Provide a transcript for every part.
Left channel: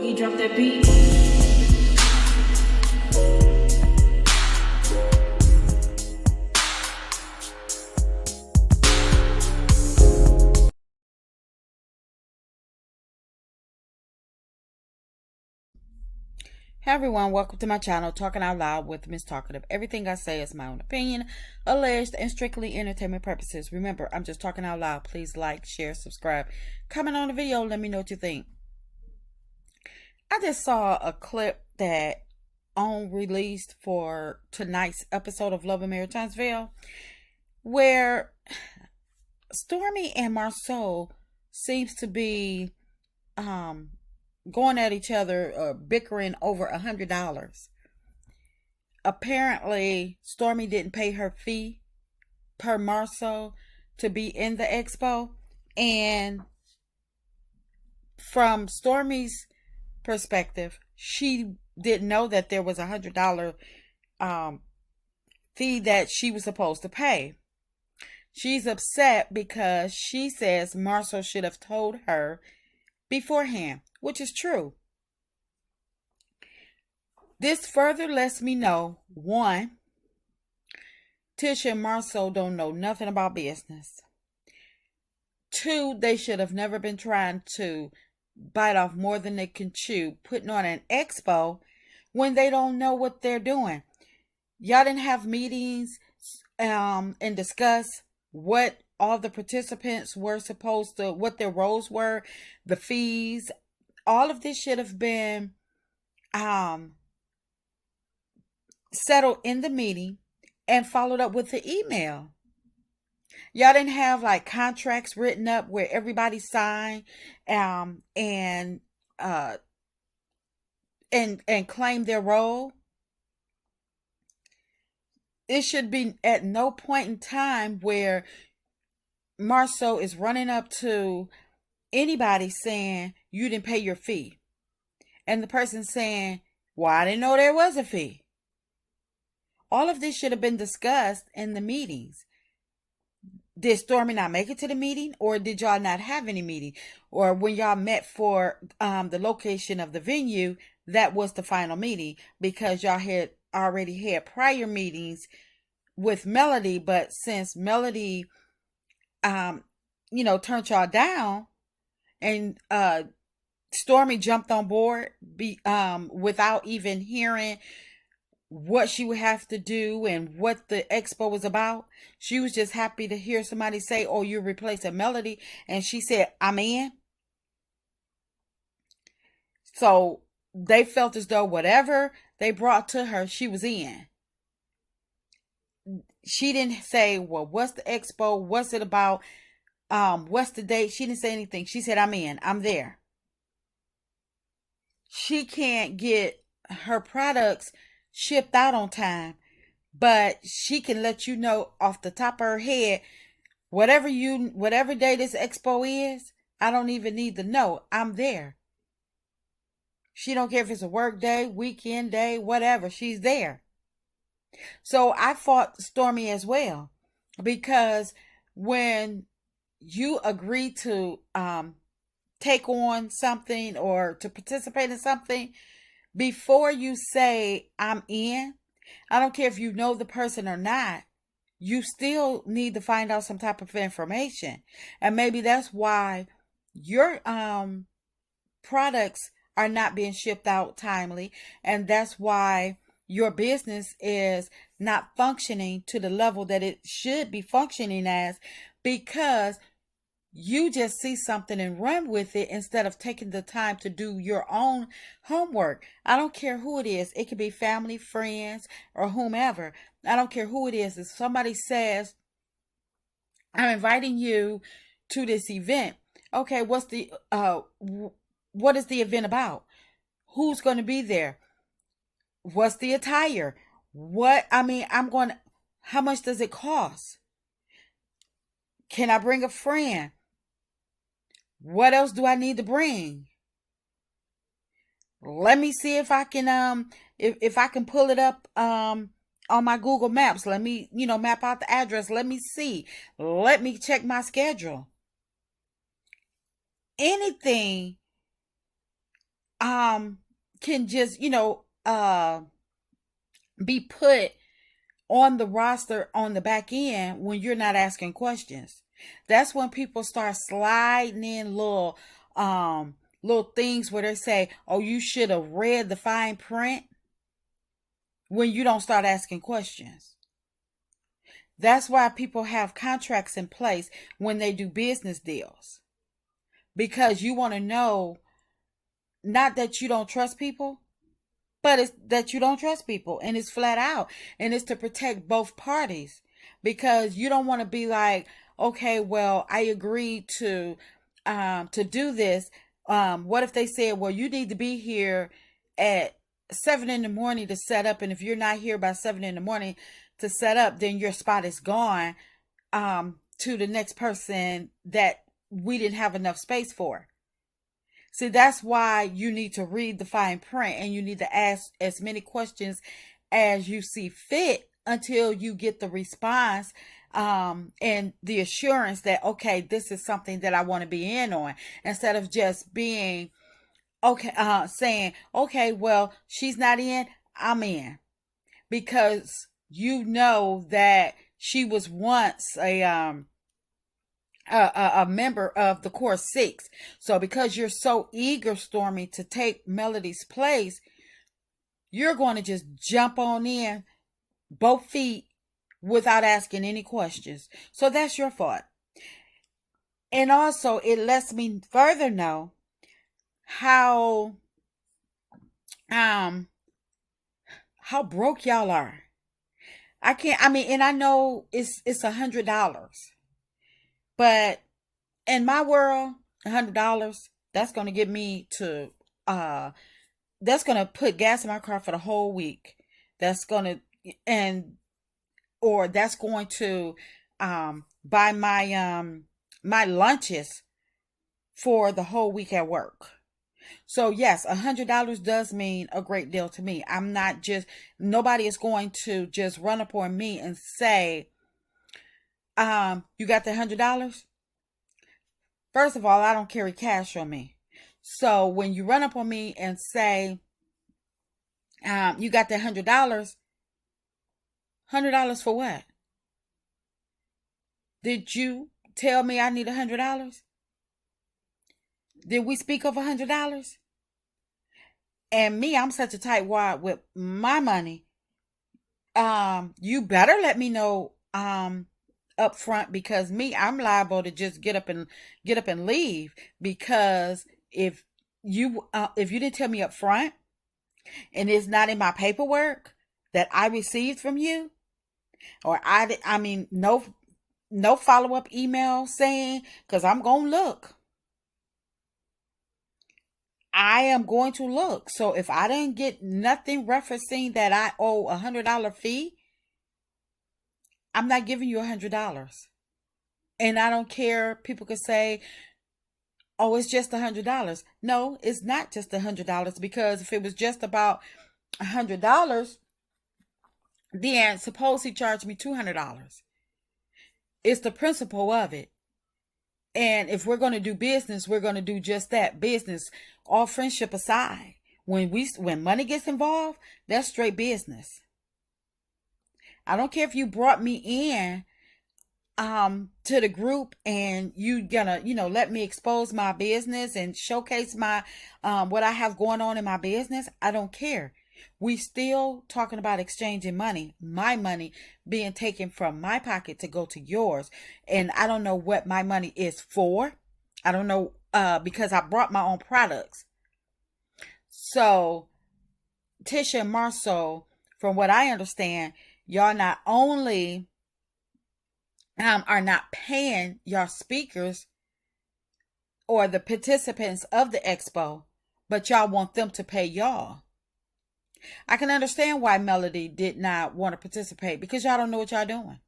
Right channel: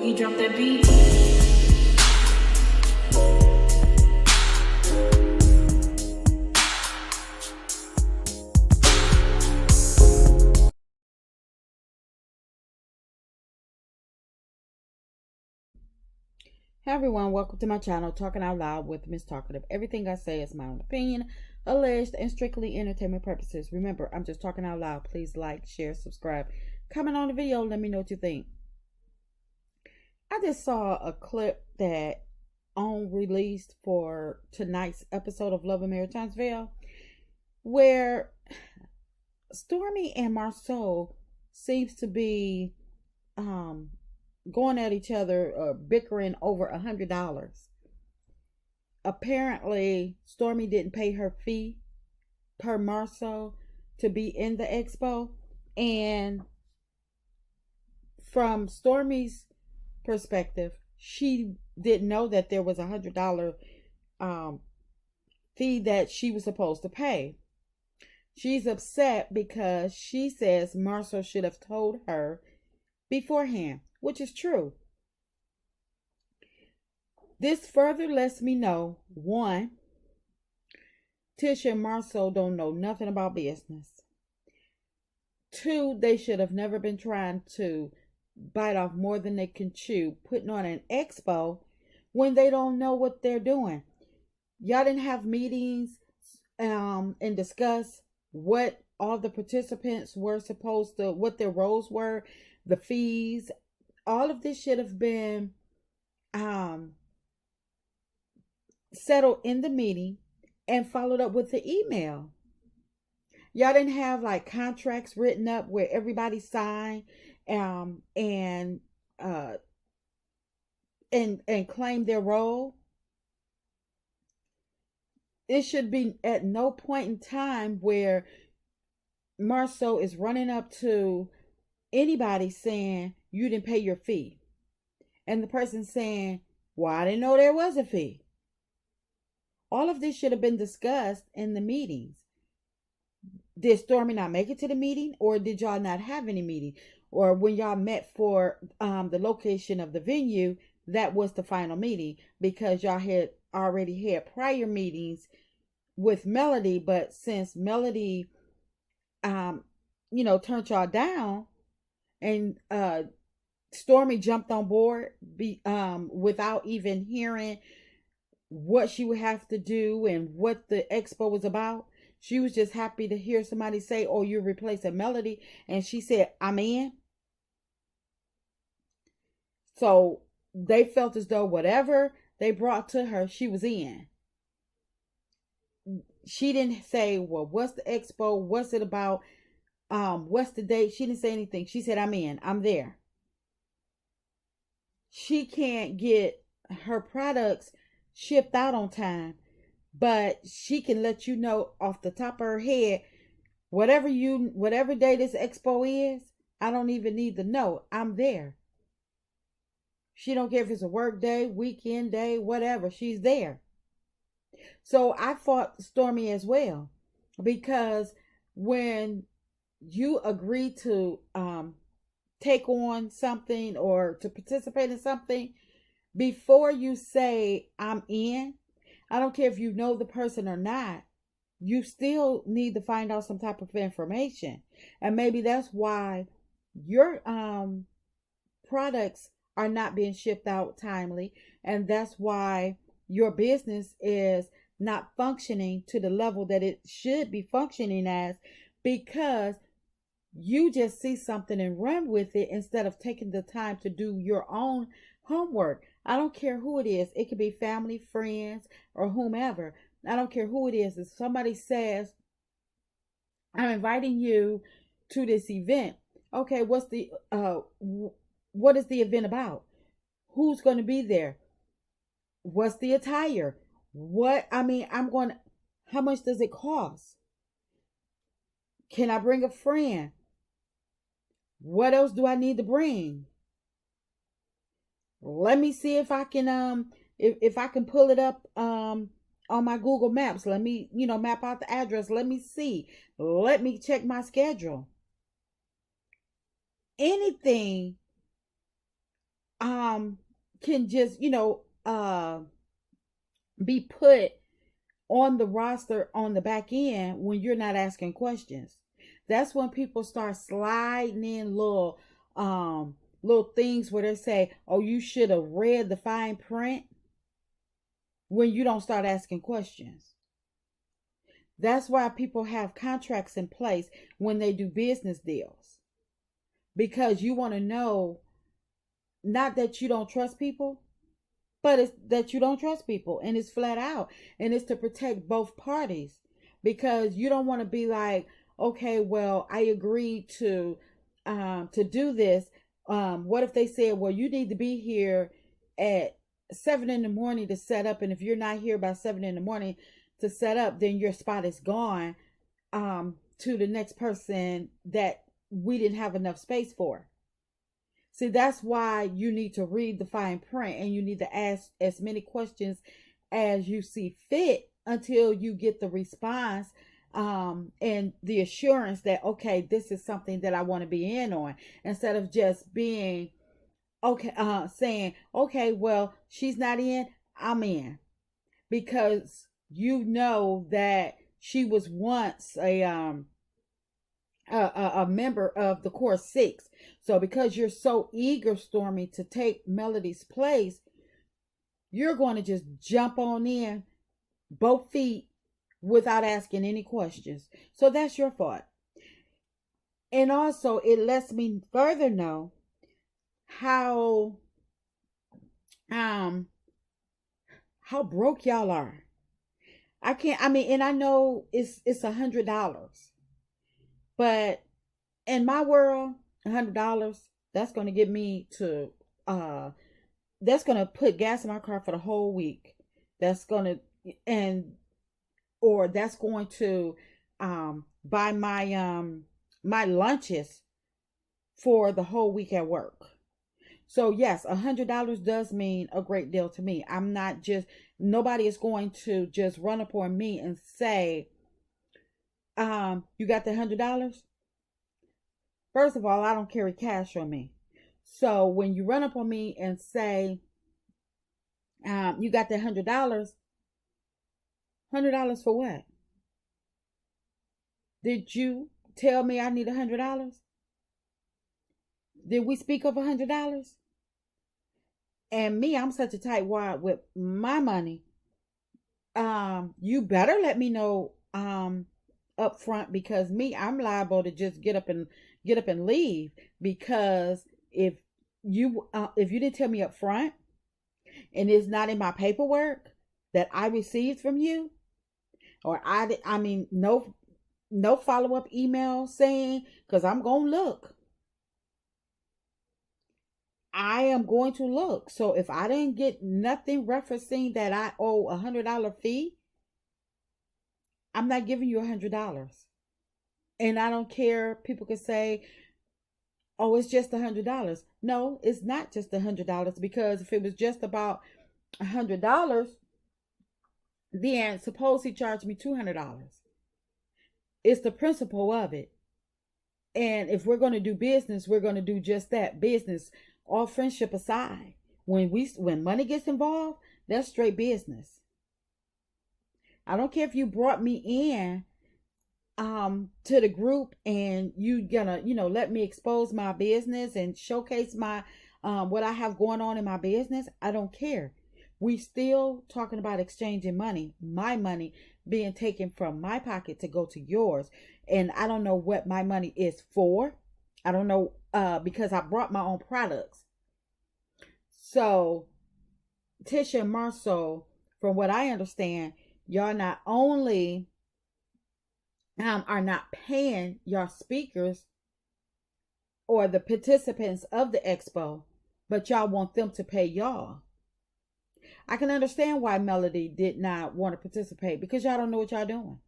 Boogie, drop that beat. Hey everyone, welcome to my channel, Talking Out Loud with Miss Talkative. Everything I say is my own opinion, alleged, and strictly entertainment purposes. Remember, I'm just talking out loud. Please like, share, subscribe, comment on the video, let me know what you think. I just saw a clip that on released for tonight's episode of Love and Marriage Tinesville, where Stormy and Marceau seems to be going at each other, bickering over $100. Apparently, Stormy didn't pay her fee per Marceau to be in the expo, and from Stormy's perspective, she didn't know that there was $100 fee that she was supposed to pay. She's upset because she says Marceau should have told her beforehand, which is true. This further lets me know, one, Tisha and Marceau don't know nothing about business. Two, they should have never been trying to bite off more than they can chew, putting on an expo when they don't know what they're doing. Y'all didn't have meetings and discuss what all the participants were supposed to, what their roles were, the fees. All of this should have been settled in the meeting and followed up with the email. Y'all didn't have like contracts written up where everybody signed and claim their role. It should be at no point in time where Marceau is running up to anybody saying you didn't pay your fee, and the person saying, well, I didn't know there was a fee. All of this should have been discussed in the meetings. Did Stormy not make it to the meeting, or did y'all not have any meeting? Or when y'all met for the location of the venue, that was the final meeting, because y'all had already had prior meetings with Melody, but since Melody turned y'all down, and Stormy jumped on board without even hearing what she would have to do and what the expo was about. She was just happy to hear somebody say, oh, you're replacing Melody, and she said, I'm in. So they felt as though whatever they brought to her, she was in. She didn't say, well, what's the expo? What's it about? What's the date? She didn't say anything. She said, I'm in. I'm there. She can't get her products shipped out on time, but she can let you know off the top of her head, whatever day this expo is, I don't even need to know. I'm there. She don't care if it's a work day, weekend day, whatever. She's there. So I fought Stormy as well, because when you agree to take on something or to participate in something, before you say I'm in, I don't care if you know the person or not, you still need to find out some type of information. And maybe that's why your products are not being shipped out timely, and that's why your business is not functioning to the level that it should be functioning as, because you just see something and run with it instead of taking the time to do your own homework. I don't care who it is. It could be family, friends, or whomever. I don't care who it is. If somebody says, I'm inviting you to this event. Okay, what is the event about? Who's going to be there? What's the attire? How much does it cost? Can I bring a friend? What else do I need to bring? Let me see if I can if I can pull it up on my Google Maps. Let me, map out the address. Let me see. Let me check my schedule. Anything um can just, be put on the roster on the back end when you're not asking questions. That's when people start sliding in little things where they say, "Oh, you should have read the fine print," when you don't start asking questions. That's why people have contracts in place when they do business deals. Because you want to know, not that you don't trust people, but it's that you don't trust people, and it's flat out, and it's to protect both parties, because you don't want to be like, okay, well, I agreed to do this. What if they said, well, you need to be here at 7 in the morning to set up, and if you're not here by 7 in the morning to set up, then your spot is gone, to the next person that we didn't have enough space for. See, that's why you need to read the fine print, and you need to ask as many questions as you see fit until you get the response, and the assurance that, okay, this is something that I want to be in on, instead of just being okay, saying, okay, well, she's not in, I'm in, because you know that she was once a member of the core six. So because you're so eager, Stormy, to take Melody's place, you're going to just jump on in both feet without asking any questions. So that's your fault. And also, it lets me further know how um how broke y'all are. I can't. I mean, and I know it's $100, but in my world, $100, that's gonna get me to that's gonna put gas in my car for the whole week. That's gonna, and or that's going to buy my lunches for the whole week at work. So yes, $100 does mean a great deal to me. I'm not just, nobody is going to just run up on me and say, you got the $100? First of all, I don't carry cash on me. So when you run up on me and say, you got that $100 for what? Did you tell me I need $100? Did we speak of $100? And me, I'm such a tightwad with my money. You better let me know up front, because me, I'm liable to just get up and leave, because if you didn't tell me up front, and it's not in my paperwork that I received from you, or I mean, no follow-up email saying, because I'm gonna look. I am going to look. So if I didn't get nothing referencing that I owe $100 fee, I'm not giving you $100. And I don't care. People could say, "Oh, it's just $100." No, it's not just $100, because if it was just about $100, then suppose he charged me $200. It's the principle of it. And if we're going to do business, we're going to do just that, business. All friendship aside, when money gets involved, that's straight business. I don't care if you brought me in to the group, and you gonna, let me expose my business and showcase my what I have going on in my business. I don't care. We still talking about exchanging money, my money being taken from my pocket to go to yours. And I don't know what my money is for. I don't know, because I brought my own products. So Tisha and Marceau, from what I understand, y'all not only are not paying your speakers or the participants of the expo, but y'all want them to pay y'all. I can understand why Melody did not want to participate, because y'all don't know what y'all doing.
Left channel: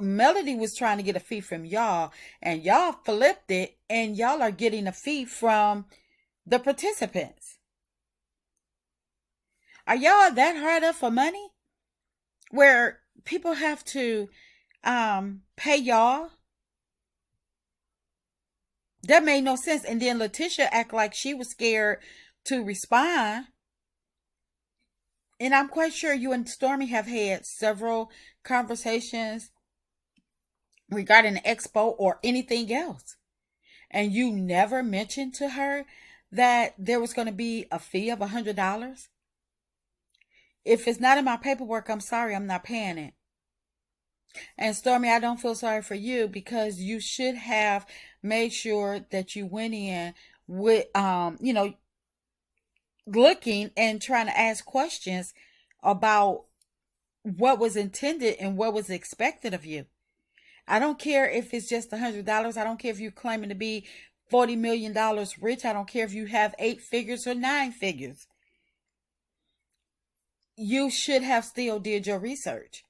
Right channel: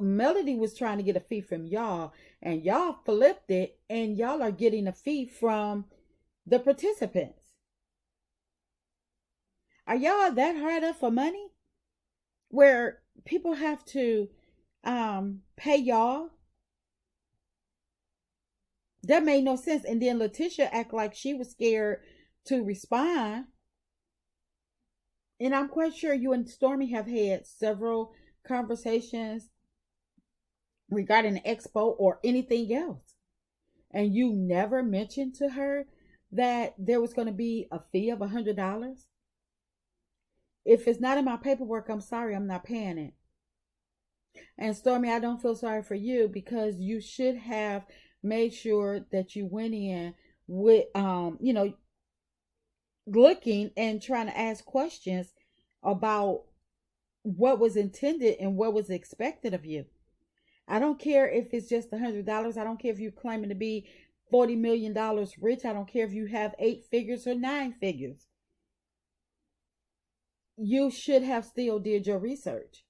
Melody was trying to get a fee from y'all, and y'all flipped it, and y'all are getting a fee from the participants. Are y'all that hard up for money, where people have to pay y'all? That made no sense. And then Letitia act like she was scared to respond. And I'm quite sure you and Stormy have had several conversations regarding the expo or anything else. And you never mentioned to her that there was going to be a fee of $100. If it's not in my paperwork, I'm sorry, I'm not paying it. And Stormy, I don't feel sorry for you because you should have made sure that you went in with, looking and trying to ask questions about what was intended and what was expected of you. I don't care if it's just $100. I don't care if you're claiming to be $40 million rich. I don't care if you have 8 figures or 9 figures. You should have still did your research.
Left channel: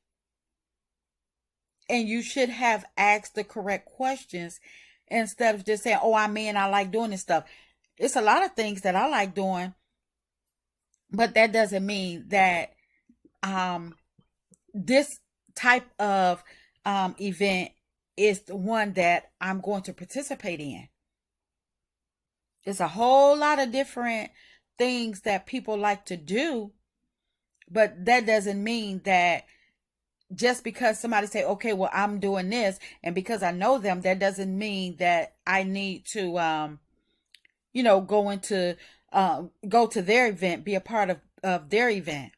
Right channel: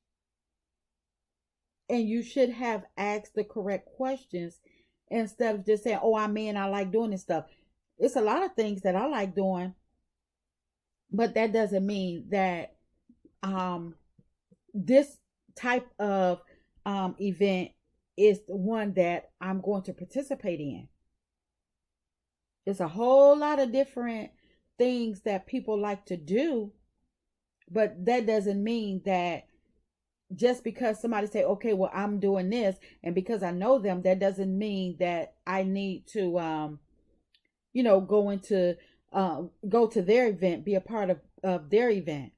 And you should have asked the correct questions instead of just saying, oh, I'm in, I like doing this stuff. It's a lot of things that I like doing, but that doesn't mean that this type of event is the one that I'm going to participate in. There's a whole lot of different things that people like to do, but that doesn't mean that just because somebody say, okay, well, I'm doing this, and because I know them, that doesn't mean that I need to go to their event, be a part of their event.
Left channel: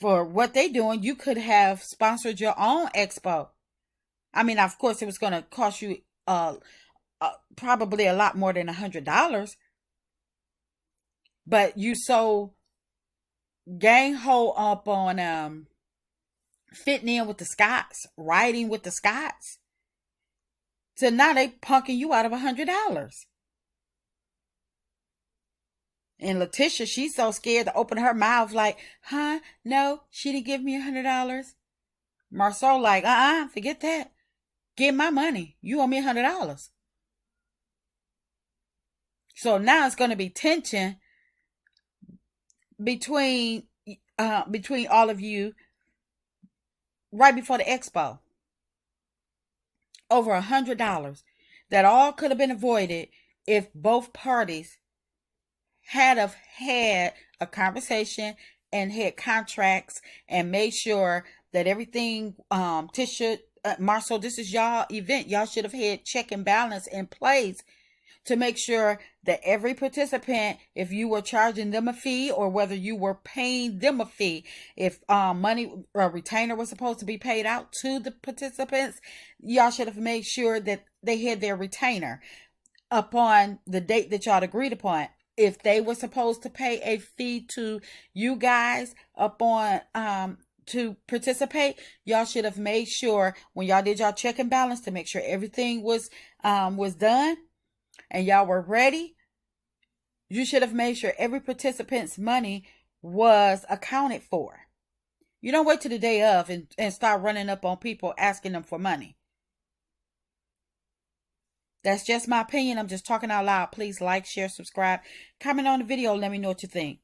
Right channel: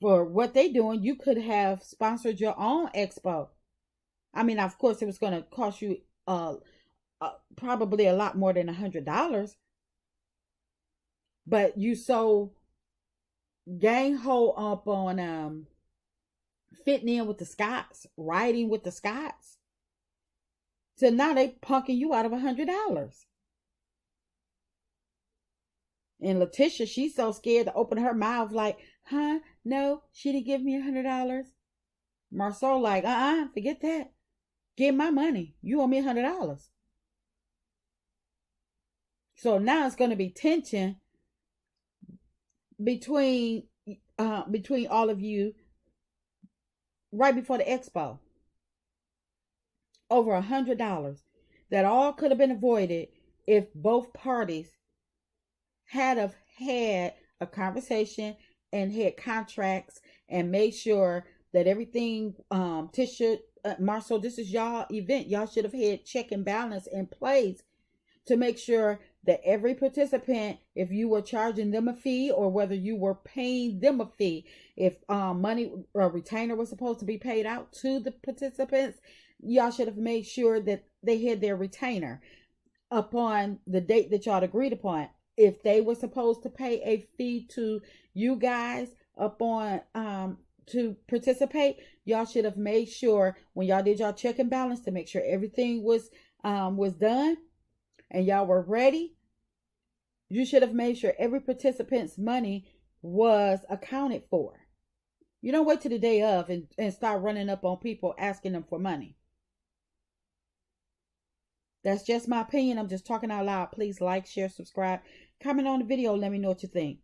For what they doing, you could have sponsored your own expo. I mean, of course, it was going to cost you probably a lot more than $100, but you so gang ho up on fitting in with the Scots, riding with the Scots. So now they punking you out of $100. And Letitia, she's so scared to open her mouth like, huh? No, she didn't give me $100. Marceau like, forget that. Get my money. You owe me $100. So now it's going to be tension between all of you right before the expo. Over $100 that all could have been avoided if both parties had a conversation and had contracts and made sure that everything. Tisha, Marceau, this is y'all event. Y'all should have had check and balance in place to make sure that every participant, if you were charging them a fee or whether you were paying them a fee, if money or retainer was supposed to be paid out to the participants, y'all should have made sure that they had their retainer upon the date that y'all agreed upon. If they were supposed to pay a fee to you guys upon to participate, y'all should have made sure when y'all did y'all check and balance to make sure everything was done and y'all were ready. You should have made sure every participant's money was accounted for. You don't wait till the day of and start running up on people asking them for money. That's just my opinion. I'm just talking out loud. Please like, share, subscribe, comment on the video. Let me know what you think.